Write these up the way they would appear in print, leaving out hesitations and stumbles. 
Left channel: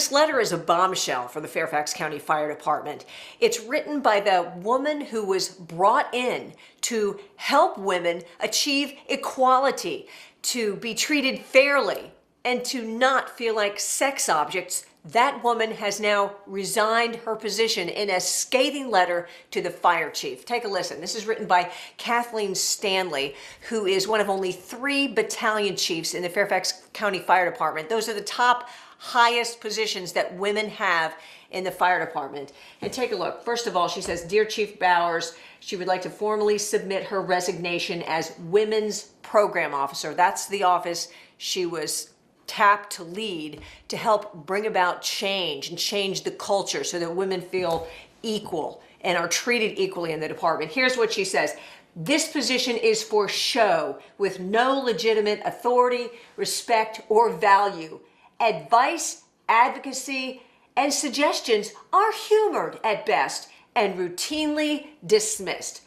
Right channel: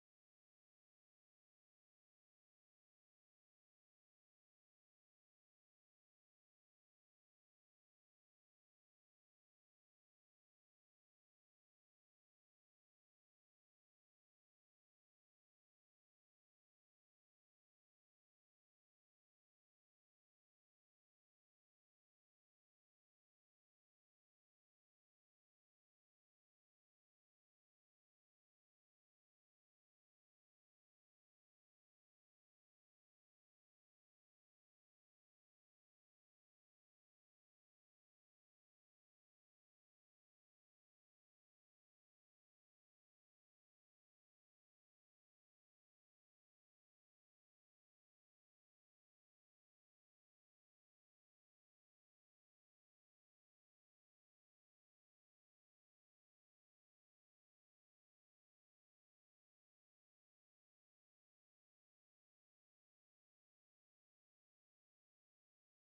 This letter is a bombshell for the Fairfax County Fire Department. It's written by the woman who was brought in to help women achieve equality, to be treated fairly, and to not feel like sex objects. That woman has now resigned her position in a scathing letter to the fire chief. Take a listen. This is written by Kathleen Stanley, who is one of only 3 battalion chiefs in the Fairfax County Fire Department. Those are the top highest positions that women have in the fire department. And take a look. First of all, she says, "Dear Chief Bowers, she would like to formally submit her resignation as Women's Program Officer." That's the office she was tapped to lead, to help bring about change and change the culture so that women feel equal and are treated equally in the department. Here's what she says. "This position is for show with no legitimate authority, respect, or value. Advice, advocacy, and suggestions are humored at best and routinely dismissed."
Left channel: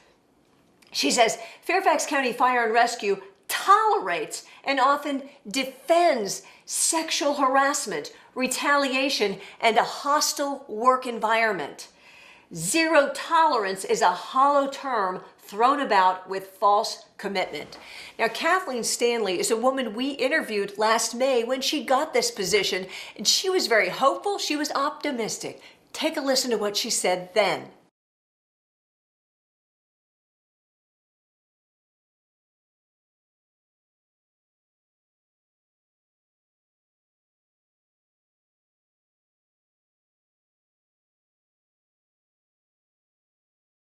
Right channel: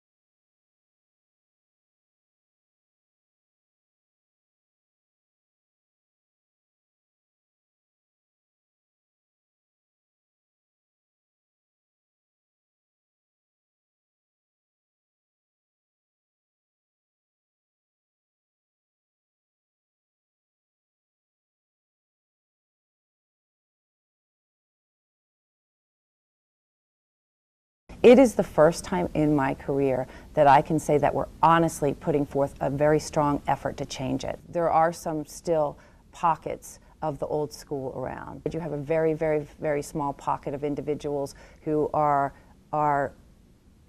She says, "Fairfax County Fire and Rescue tolerates and often defends sexual harassment, retaliation, and a hostile work environment. Zero tolerance is a hollow term thrown about with false commitment." Now, Kathleen Stanley is a woman we interviewed last May when she got this position, and she was very hopeful. She was optimistic. Take a listen to what she said then. It is the first time in my career that I can say that we're honestly putting forth a very strong effort to change it. There are some still pockets of the old school around. You have a very, very, very small pocket of individuals who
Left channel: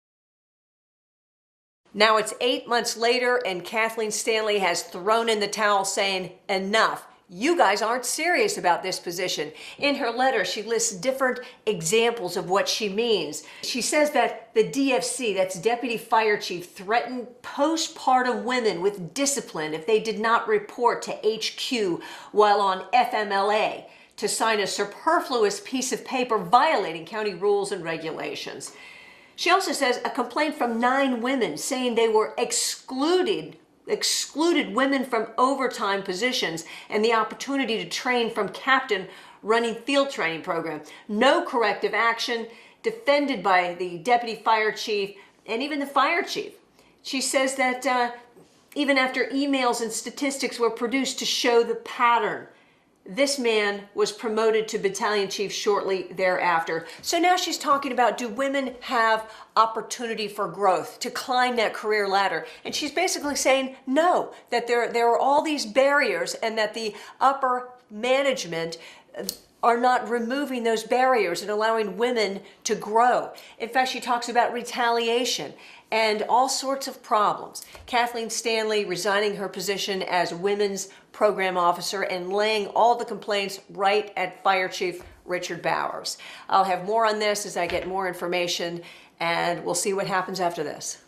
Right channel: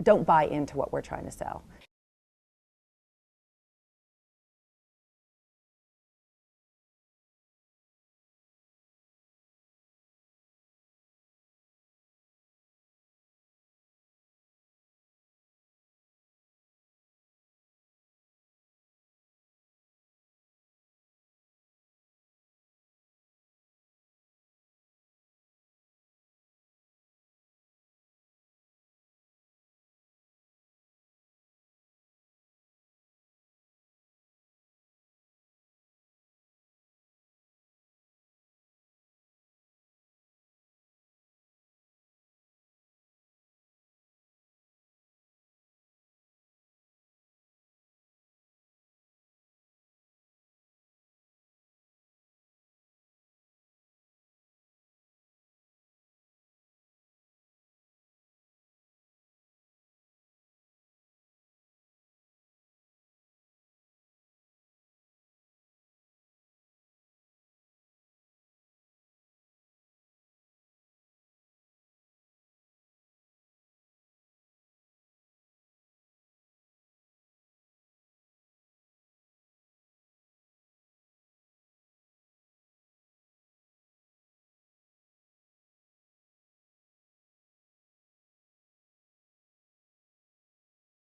don't buy into what we're trying to sell. Now it's 8 months later, and Kathleen Stanley has thrown in the towel saying, enough. You guys aren't serious about this position. In her letter, she lists different examples of what she means. She says that the DFC, that's Deputy Fire Chief, threatened postpartum women with discipline if they did not report to HQ while on FMLA to sign a superfluous piece of paper violating county rules and regulations. She also says a complaint from 9 women saying they were excluded women from overtime positions and the opportunity to train from captain running field training program. No corrective action, defended by the deputy fire chief and even the fire chief. She says that even after emails and statistics were produced to show the pattern, this man was promoted to battalion chief shortly thereafter. So now she's talking about, do women have opportunity for growth, to climb that career ladder? And she's basically saying no, that there are all these barriers and that the upper management are not removing those barriers and allowing women to grow. In fact, she talks about retaliation and all sorts of problems. Kathleen Stanley resigning her position as Women's Program Officer and laying all the complaints right at Fire Chief Richard Bowers. I'll have more on this as I get more information, and we'll see what happens after this.